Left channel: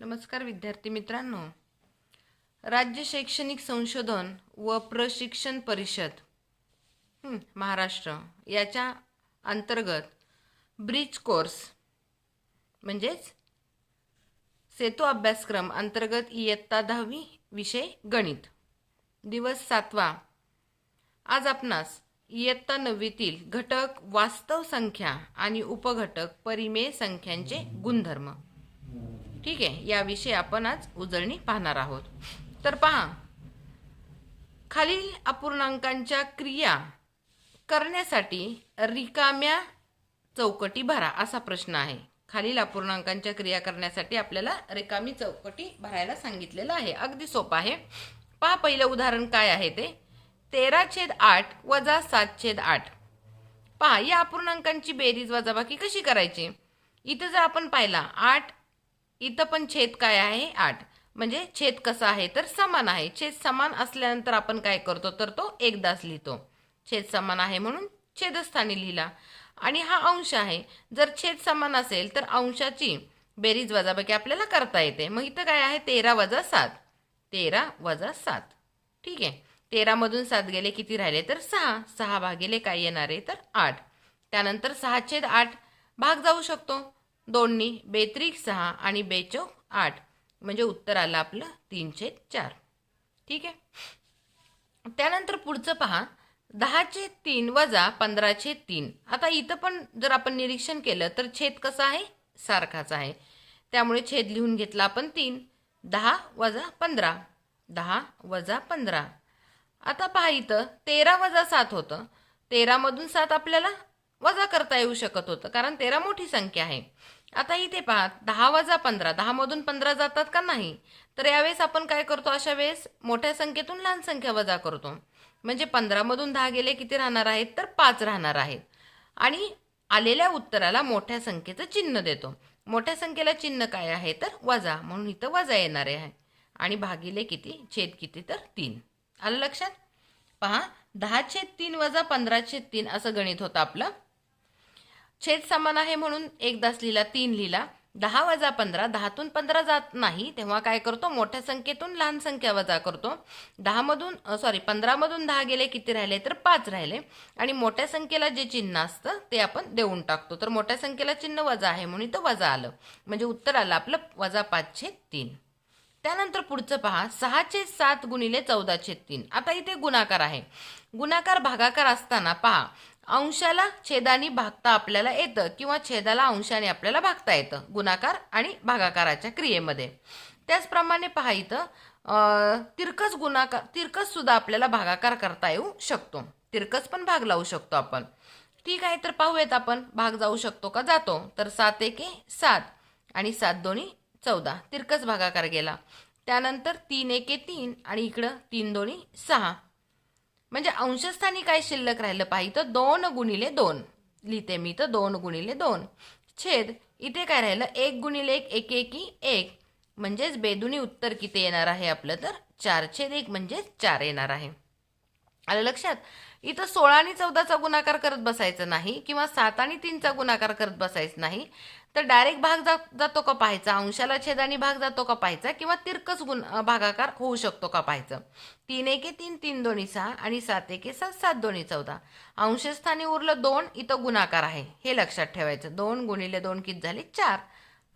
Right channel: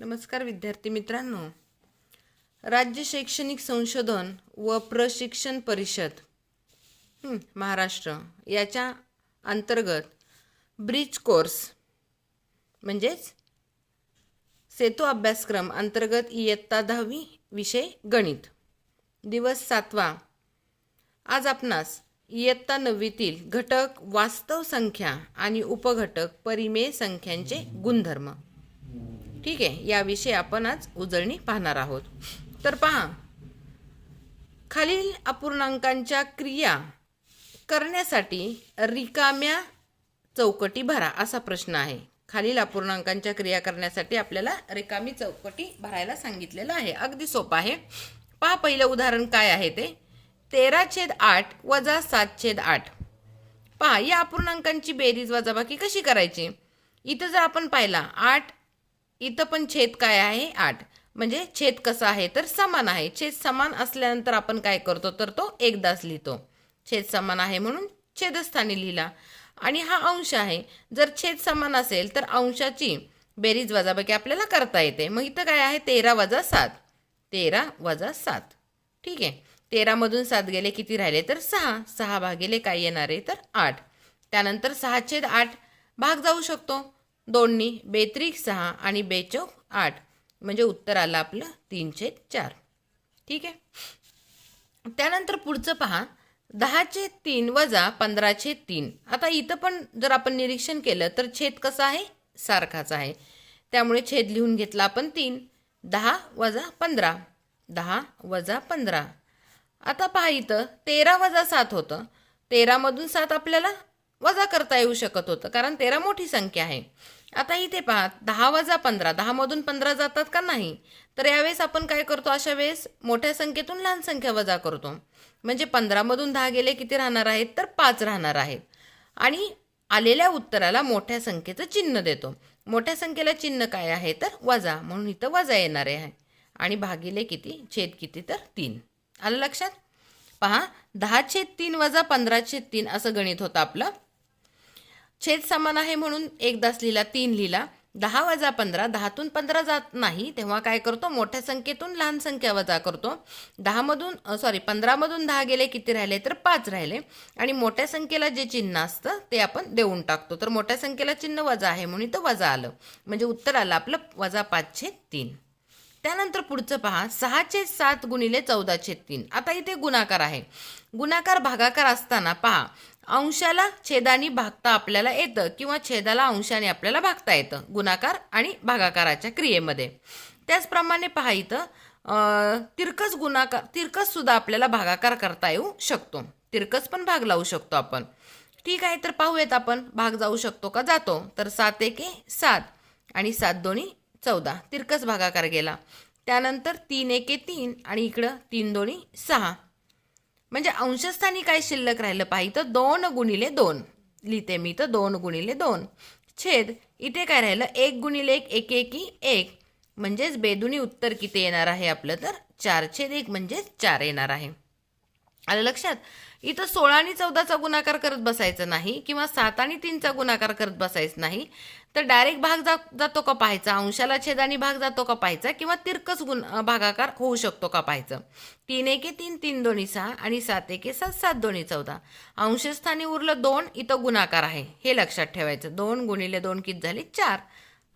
नमस्कार विद्यार्थी मित्रांनो, राज्य शैक्षणिक संशोधन व प्रशिक्षण परिषद महाराष्ट्र याच्या अंतर्गत ब्रिज कोर्स म्हणजेच सेतू अभ्यासक्रम अंतर्गत इयत्ता 10वी विषय गणित दिवस 7वा। आज आपणास इयत्ता 9वीतील घटक वास्तव संख्या आणि उपघटक परिमेय संख्यांचे गुणधर्म ठीक आहे याविषयी आपण आज उजळणी पाहणार आहोत। तर पहा, खालील अपूर्णांकांच्या क्रिया करण्यासाठी रिकाम्या चौकटी भरा असा प्रश्न आहे। खालील अपूर्णांकांच्या क्रिया करण्यासाठी आपल्याला रिकामी चौकटी भरायला सांगितलेलं आहे। अगदी सोपं आहे। पहा, पहिलं उदाहरण काय आहे ते 13/8 वजा 7/8। पहा, या अपूर्णांकांची बेरीज वजाबाकी कशी करायची। इथं जर आपण पाहिला 8, इथं पण छेद काय आहे 8, म्हणजे छेद कसा आहे तर समान आहे। छेद समान असल्यानंतर आपण काय करतो तर तो एकदाच लिहितो। छेद समान आहे म्हणून छेदस्थानी लिहिला। आणि हा अंश आहे, जर छेद समान असेल तर अंशाची बेरीज वजाबाकी आपल्याला करता येते। मग इथं काय आहे 13 वजा 7, 13 वजा 7 ठीक आहे। 13 मधून 7 गेले किती राहिले तर 6, 6 भागिले काय येणार आहे तर 8। त्यानंतर 6/8 भाग जाऊ शकतो 2 नी, 2×6 आणि 2×4 म्हणजे उत्तर आलं आपलं 3/4 ठीक आहे। त्यानंतर पुढचं पहा 10/3 वजा 15/3। आता इथं पण जर आपण निरीक्षण केलं तर छेद कसा आहे सारखाच आहे, त्यामुळे छेद लिहून घेतला आपण 3। 10 वजा 15, 10 वजा 15। आता पहा इथं 13 वजा 7 होतं, 13 मधून 7 आपल्याला वजा करता येऊ शकत होतं कारण 13 मोठी संख्या आहे। आता इथे पहा 10 वजा 15, 10 मधून 15 जातात का नाही, तर यावेळेस आपण काय करतो अशा वेळेस मोठ्या संख्येतून लहान संख्या वजा करतो। म्हणजे 15 मधून 10 गेले किती राहणार आहेत तर 5 राहणार आहेत। आणि आलेल्या उत्तराला मोठ्या संख्येचं चिन्ह देतो। मोठ्या संख्येला चिन्ह काय आहे तर वजा, म्हणून इथं वजा येणार आहे। आणि भागिले किती, छेद किती तर 3। आलं लक्षात। पहा 10/3 वजा 15/3 असं गणित होतं आपलं। छेद समान आहे म्हणून एकदाच लिहिला, 3 लिहिला। 10 वजा 15, 10तून 15 जात नाही तेव्हा काय करतो मोठ्या संख्येतून लहान संख्या वजा करतो। 15 मधून 10 गेले किती राहिले तर 5 राहिले। आणि मोठ्या संख्येला जे चिन्ह असतं ते आपण देऊन टाकतो। तर मोठ्या संख्येला चिन्ह वजा आहे म्हणून इथं वजा आलं, म्हणजे उत्तर आलं आपलं वजा 5/3। त्यानंतर पुढचं पहा 6/7 गुणिले 14/3। आता इथे गुणाकार आहे। गुणाकार भागाकार असताना पहा अंशाला छेदाने भागता आपल्याला येतं किंवा छेदाला अंशाने आपल्याला भागता येतं गुणाकार आणि भागाकाराच्या क्रियेमध्ये। त्याचप्रमाणे पहा इथं तिरकस सुद्धा आपल्याला भागाकार करता येऊ शकतो। तिरकस पण भाग लावू शकतो आपण ठीक आहे। तर पाहूयात आपण भाग जाऊ शकतो का, जातो। तर 7×1 7 आणि 7×2 14 तिरकस भागाकार गेला। त्यानंतर 3×1 3 आणि इकडं 3×2 6 म्हणजे अंशस्थानी काय शिल्लक राहिलं पाहिजे 2×2 लिहिते मी तर 2×2 छेद इथे काय राहिलं 1×1 1 1 1 म्हणजेच बेदुनी उत्तर किती येणार आहे आपलं तर 4/1 म्हणजे 4 येणार आहे। आलं लक्षात। इथं 16 आणि 14चा गुणाकार करत बसायचं नाही किंवा 7 आणि 3चा गुणाकार करत बसायचं नाही, तर डायरेक्ट भाग जातो का पाहायचा, अंशाला छेदाने भाग जातो का पाहायचा किंवा तिरकस भागाकार होऊ शकतो का पाहायचं। 3×1 3 3×2 6 आणि 7×1 7 7×2 14 अंशस्थानी उरलं 2, इथं गुणाकार आहे हे लक्षात ठेवायचं। 2×2 किती झाले 4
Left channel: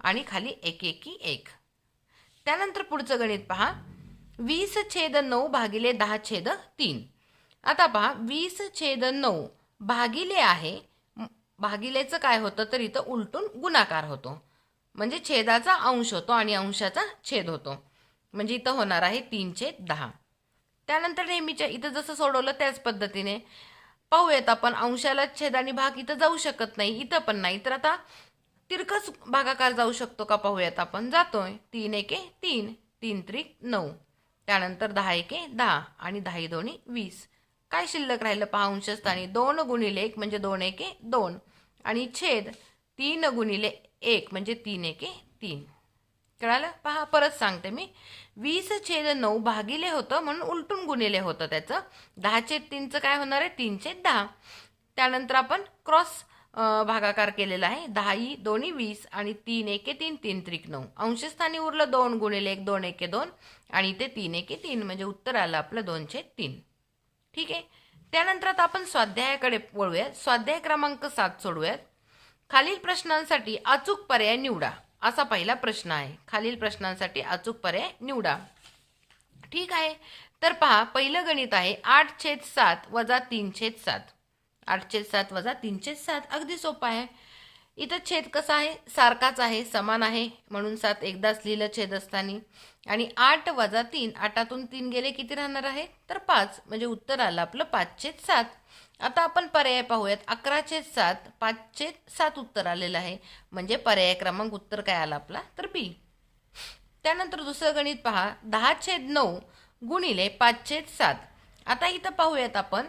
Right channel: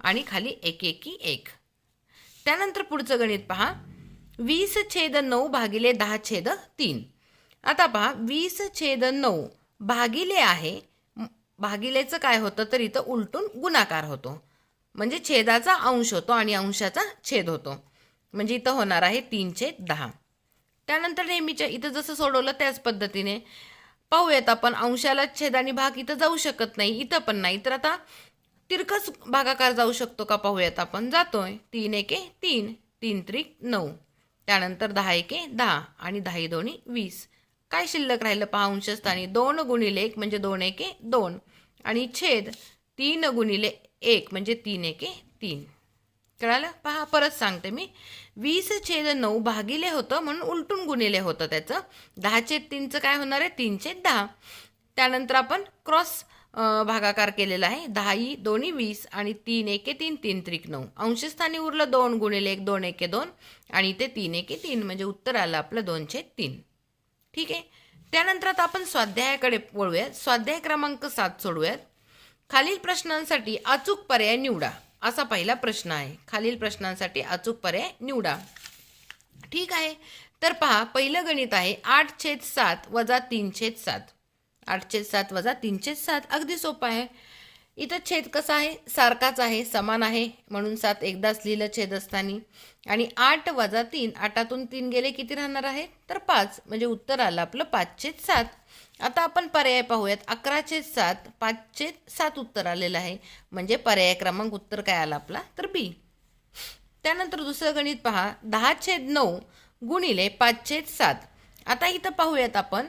आणि खाली 1 1 1। त्यानंतर पुढचं गणित पहा 20/9 भागिले 10/3। आता पहा 20/9 भागिले आहे, भागिलेचं काय होतं तर इथं उलटून गुणाकार होतो, म्हणजे छेदाचा अंश होतो आणि अंशाचा छेद होतो, म्हणजे इथं होणार आहे 3/10। त्यानंतर नेहमीच्या इथं जसं सोडवलं त्याच पद्धतीने पाहूयात आपण। अंशाला छेदाने भाग इथं जाऊ शकत नाही, इथं पण नाही, तर आता तिरकस भागाकार जाऊ शकतो का पाहूयात आपण। जातोय 3×1 3 3×3 9 त्यानंतर 10×1 10 आणि 10×2 20 काय शिल्लक राहिलं पहा अंशस्थानी 2×1 म्हणजे 2×1 2 आणि छेद 3×1 म्हणजे 3×1 3। कळालं। पहा परत सांगते मी 20/9 भागिले होतं म्हणून उलटून गुणिले होतं त्याचं। 10/3चं काय होणार आहे 3/10। त्यानंतर आपण क्रॉस भागाकार केलेला आहे. 10 दोन्ही 20 आणि 3 एके 3 3 त्रिक 9. अंशस्थानी उरलं 2 गुणिले 1 2 एके 2 आणि इथे 3 एके 3 म्हणजे उत्तर आलं आपलं 2/3. ठीक आहे. त्यानंतर आता आपण स्वाध्यायाकडे वळूयात. स्वाध्याय क्रमांक 7 सोडूयात. खालील प्रश्नांसाठी अचूक पर्याय निवडा असा पहिला प्रश्न आहे. खालील प्रश्नांसाठी अचूक पर्याय निवडा. ठीक आहे. तर पहा, पहिलं गणित आहे 8/7 वजा 3/7. 8/7 वजा 3/7 अगदी सोपं आहे. इथं छेद कसा आहे, सारखाच आहे, समान आहे, म्हणून 7 एकदाच लिहिलं छेदस्थानी. आणि 8 वजा 3, 8तून 3 गेले किती राहणार आहे तर 5, म्हणजे उत्तर आलं आपलं 5/7. आता आपण पर्याय पाहूयात. 11/7 5/7 उत्तर आलेलं आहे, म्हणजे पर्याय क्रमांक उत्तर काय आला आपला तर बी. त्यानंतर दुसरं गणित पहा 10/9 गुणिले 5/7. आता इथं पाहूयात आपण,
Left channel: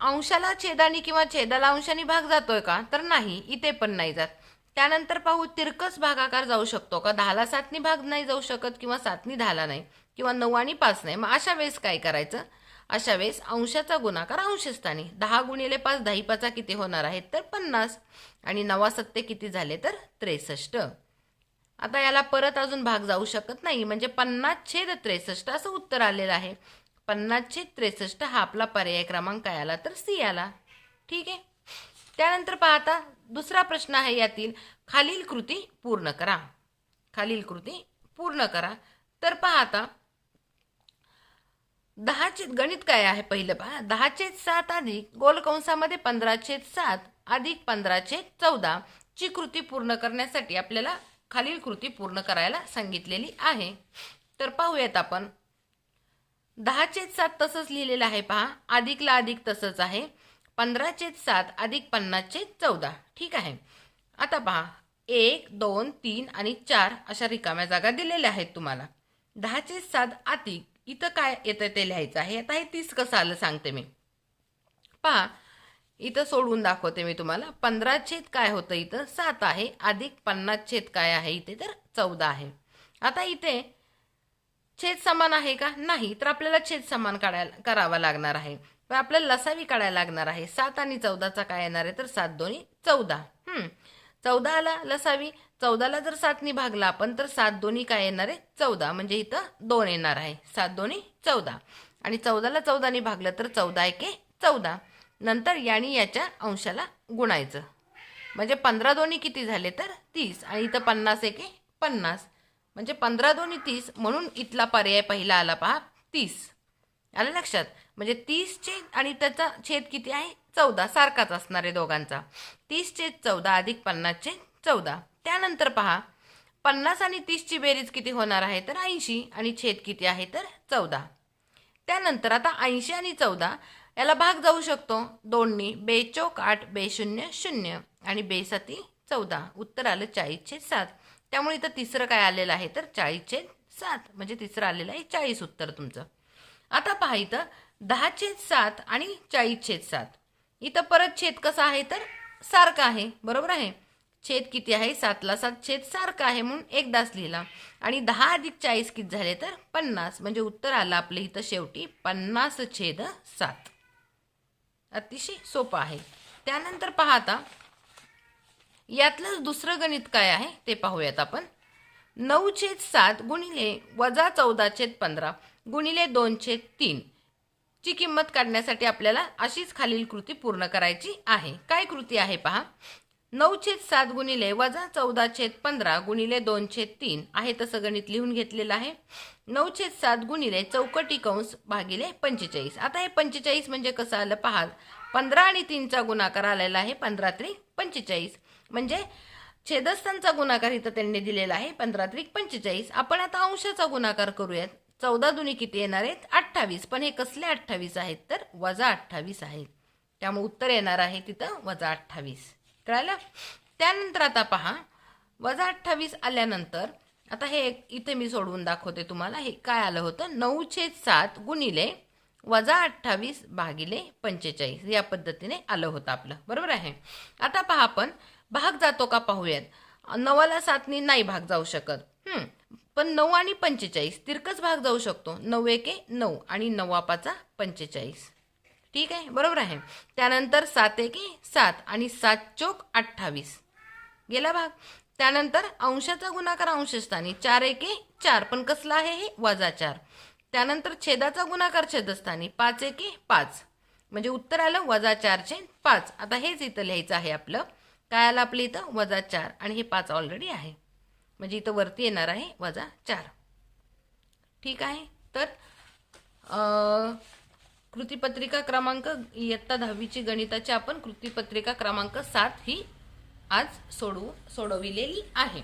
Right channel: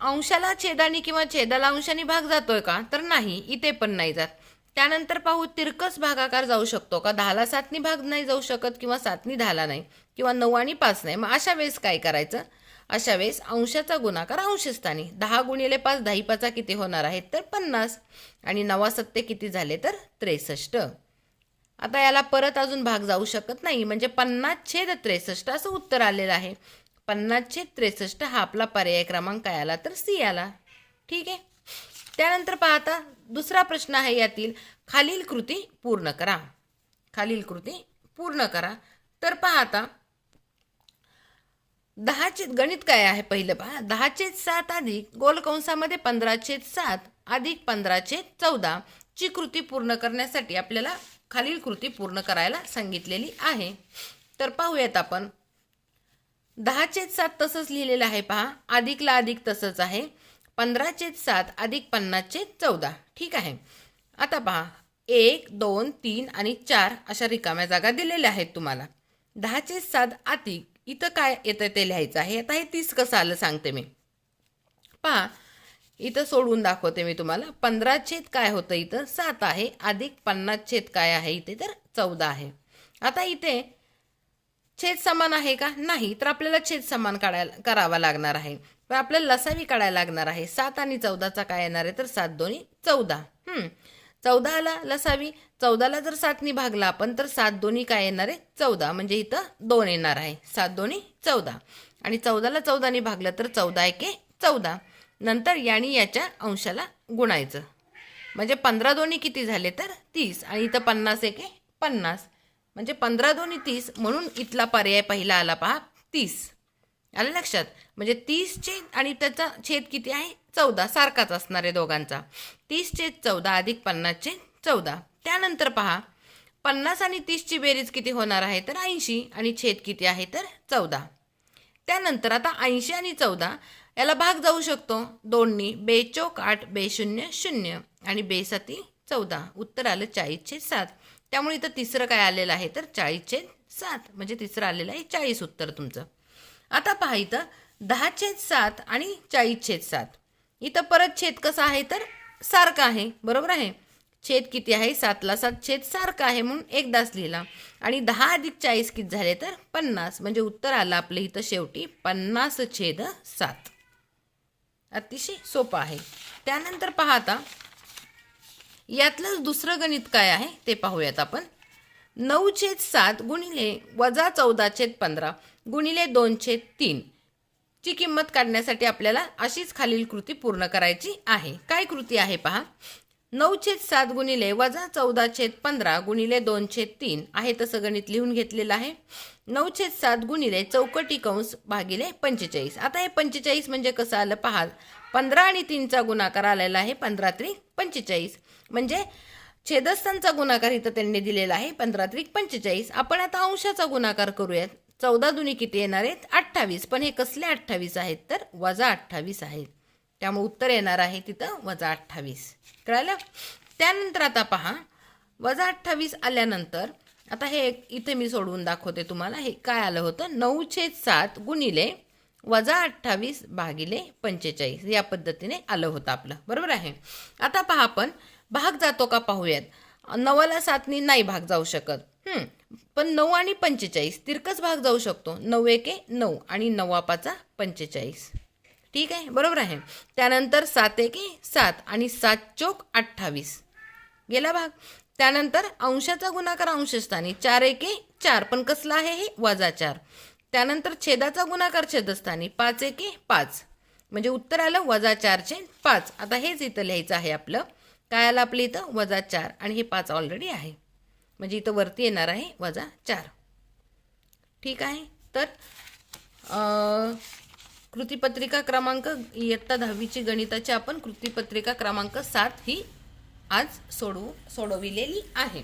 अंशाला छेदानी किंवा छेदाला अंशाने भाग जातोय का तर नाही, इथे पण नाही जात. त्यानंतर पाहू तिरकस भागाकार जाऊ शकतो का. 10ला 7नी भाग नाही जाऊ शकत किंवा 7नी 10ला नाही किंवा 9 आणि 5 नाही. मग अशा वेळेस काय करायचं, अशा वेळेस अंशाचा गुणाकार अंशस्थानी. 10 गुणिले 5 10 5 किती होणार आहेत तर 50 आणि 9 किती झाले तर 63. आता याला परत अजून भाग जाऊ शकत नाही, म्हणजे 50/63 असं उत्तर आलेलं आहे. 50/63 हा आपला पर्याय क्रमांक काय आला तर सी आला. ठीक आहे. त्यानंतर पाहता दुसरा प्रश्न आहे यातील, खालील कृती पूर्ण करा. खालील कृती पूर्ण करा. तर पहा आता 10चे गणित काय आहे पहिलं पहा. 10/7 अधिक गोल कंसामध्ये 15/7 अधिक 15/14 ची कृती पूर्ण करण्यासाठी आपल्याला खालील कृती पूर्ण करायला सांगितलेली आहे. तर पाहूयात आपण. 10/7 तसंच लिहिलेलं आहे पहा, अधिकला अधिक तसंच आहे. 15/7 अधिक 50/14. ठीक आहे. आता पहा 1 2 3 आणि 4 अशा रिकाम्या जागा दिलेल्या आहेत तुम्हाला. 10/7 अधिक इथं काय येतं ते लिहायचं आहे. आता हे 30 कसं आलं सांगते मी. पहा इथं सोडून दाखवते मी तुम्हाला. 15 काय होतं इथं 7 आहे, अधिक 50 काय आहे इथे तर 14 आहे. आता इथे छेद समान आहे का नाही, तर आपल्याला छेद समान करावा लागणार आहे. पण आपल्याला लसावी काढायला लागणार आहे. 7 आणि 14चा काय येणार आहे तर 7 दोन्ही 14. 14ला लसावी, 14ला जर 7नी भागला आपण तर 7 दोन्ही काय येणार आहे 14, म्हणजे इथं 2 येणार आहे. 7 दोन्ही 14 आणि 14ला 14नी भागलं तर 14 एके 14. नंतर याने याच्या अंशाला गुणायचं, म्हणजे 15 दोन्ही किती झाले तर 30 आणि इथं 50 एके 50, म्हणजे 15 दोन्ही 30, म्हणून इथला पर्याय पहिला आला पहा 30. आलं लक्षात. म्हणजे 30 आणि त्याचा छेद किती आहे 14, सारखाच असणार आहे दोघांचा. 30/14 अधिक 50/14. त्यानंतर पहा 50 आणि 30ची बेरीज किती होणार आहे तर 80 आणि छेद किती आहे तर 14. त्यानंतर आता 80 आणि 14 याला भाग जाऊ शकतो 2नी. 2×4 8 2×0 0 आणि 2×7 14. उत्तर आलं 40/7. त्यामुळे इथं तिसरं काय आलेलं आहे तर 40/7, म्हणजे तिसरं आलेलं आहे 40 उत्तर तुमचं. आता पहा इथं 10/7 आणि 40/7. इथं परत छेद कसा आहे तर सारखा आहे, बरोबर आहे. छेद किती आहे 7ला 7 छेद सारखा आहे म्हणून एकदाच लिहिला. आणि 10 अधिक 40 किती झाले तर 50, म्हणजे उत्तर आलं आपलं इथं शेवटी 50/7. अतिशय सोपं आहे. त्यानंतर पहा आता यातलंच दुसरं गणित काय आहे ते पाहूयात आपण. 9/7 गुणिले वजा 14/15 गुणिले 2/3 ची किंमत काढण्यासाठी आपल्याला अशीच खालील कृती पूर्ण करायची आहे. काय कृती आहे पहा. 9/7 गुणिले वजा 14/15 गुणिले 2/3 आहे तसं गणित लिहून घेतलेलं आहे. 9/7 गुणिले चौकटी कंस भागिले 45. आता हे 45 म्हणजे कसं आलं पहा. 15 आणि 3चा गुणाकार आलेला आहे 15×3 45, म्हणजे छेदस्थांचा गुणाकार इथं त्यांनी दिलेला आहे 15×3 45. आपण आता अंशाचा गुणाकार करूयात. 14 दुनी किती येणार आहेत 28, पण हे कसले 28 आहेत तर -28 आहेत. त्यामुळे उत्तर येणार आहे तिथं -28. कळलं. त्यानंतर आता पहा -28 आल्यानंतर आता हे इथे मी सोडवून दाखवते तुम्हाला. हे काय आलं होतं 9/7 गुणिले -28 भागिले 45 या पद्धतीने आलं होतं आपलं, बरोबर आहे. आता पहा आपण भाग जातो का पाहूयात. 9ला 7नी नाही भाग जाऊ शकत, पण 9 आणि 45 तिरकस भाग जाऊ शकतो. 9 एके 9 आणि 9 5 45. ठीक आहे, बरोबर आहे. त्यानंतर 7 एके 7 आणि 7 चोक 28 गेला भाग. त्यानंतर अंशाचा गुणाकार अंशस्थानी 4 एके 4, पण कसला आहे हे -4. त्यानंतर छेदाचा गुणाकार छेदस्थानी 5 एके 5, म्हणजे उत्तर आलं -4/5. आता हेच इथं लिहायचं आहे आपलं. काय आलं आपलं इथं -4 आणि हे 5 ऑलरेडी आहे, म्हणजे इथं वरती येणार आहे -4. ठीक आहे. तर कृतीपत्रिका क्रमांक इयत्ता 10वीची गणिताची आपण कृतीपत्रिका क्रमांक 7 ही आज सोडविलेली आहे.